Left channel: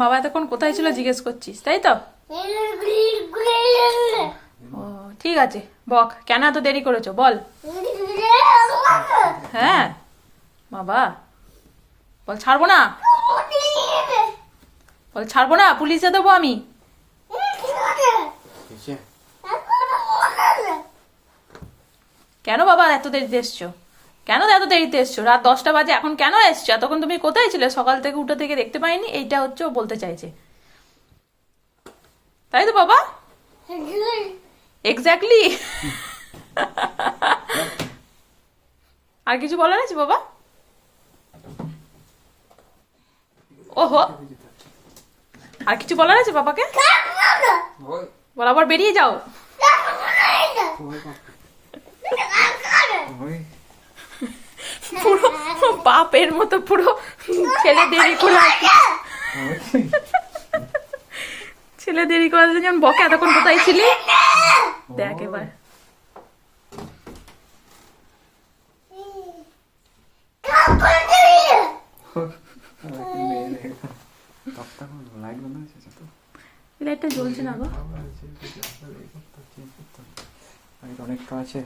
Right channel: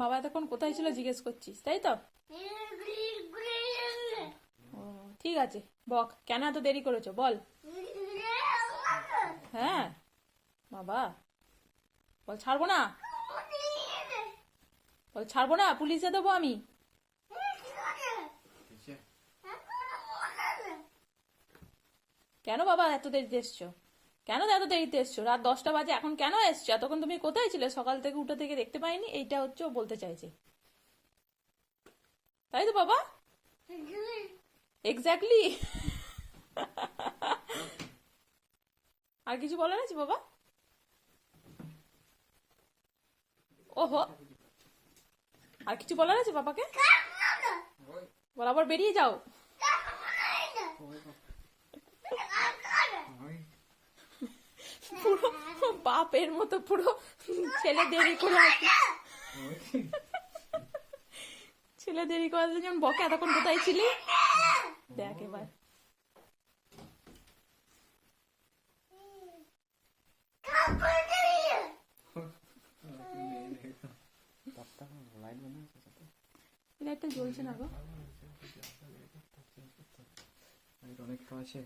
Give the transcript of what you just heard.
বাবা এতক্ষণ কোথায় ছিল জিজ্ঞেস করছিস, তাই তো? ও ঠিক আছে, বক কেন এত দেরি করেছো বল। হ্যাঁ বাবা, বল ছাড়বো না, বল ছাড়বো না, পুলিশে দেবো আমি। কেন বাবা এত দেরিতে এসছো? কেন এত দেরিতে এসছো? রাত 10টা বাজে, এখন কেন এসছো? এতক্ষণ তুমি কোথায় ছিলে? সকাল থেকে উঠে থেকে দেখতে পাইনি, এইটা হচ্ছে ও বলতে চাইছে, তাই তো বাবা? এক্স্যাক্টলি। আর কিছু বলার আছে বাবা? ওহো, আর কিছু বলার আছে বাবাকে? বল আবার বেরিয়ে যাও। পুরো বাপের মতো পুরো ছেলে দেরি করে ছেলে দেরি করে আসছে যেমন বকে। এতক্ষণ কোথায় ছিলি দেখ এবার। লাইটটা জ্বলছে না গো, অনেক কাছে।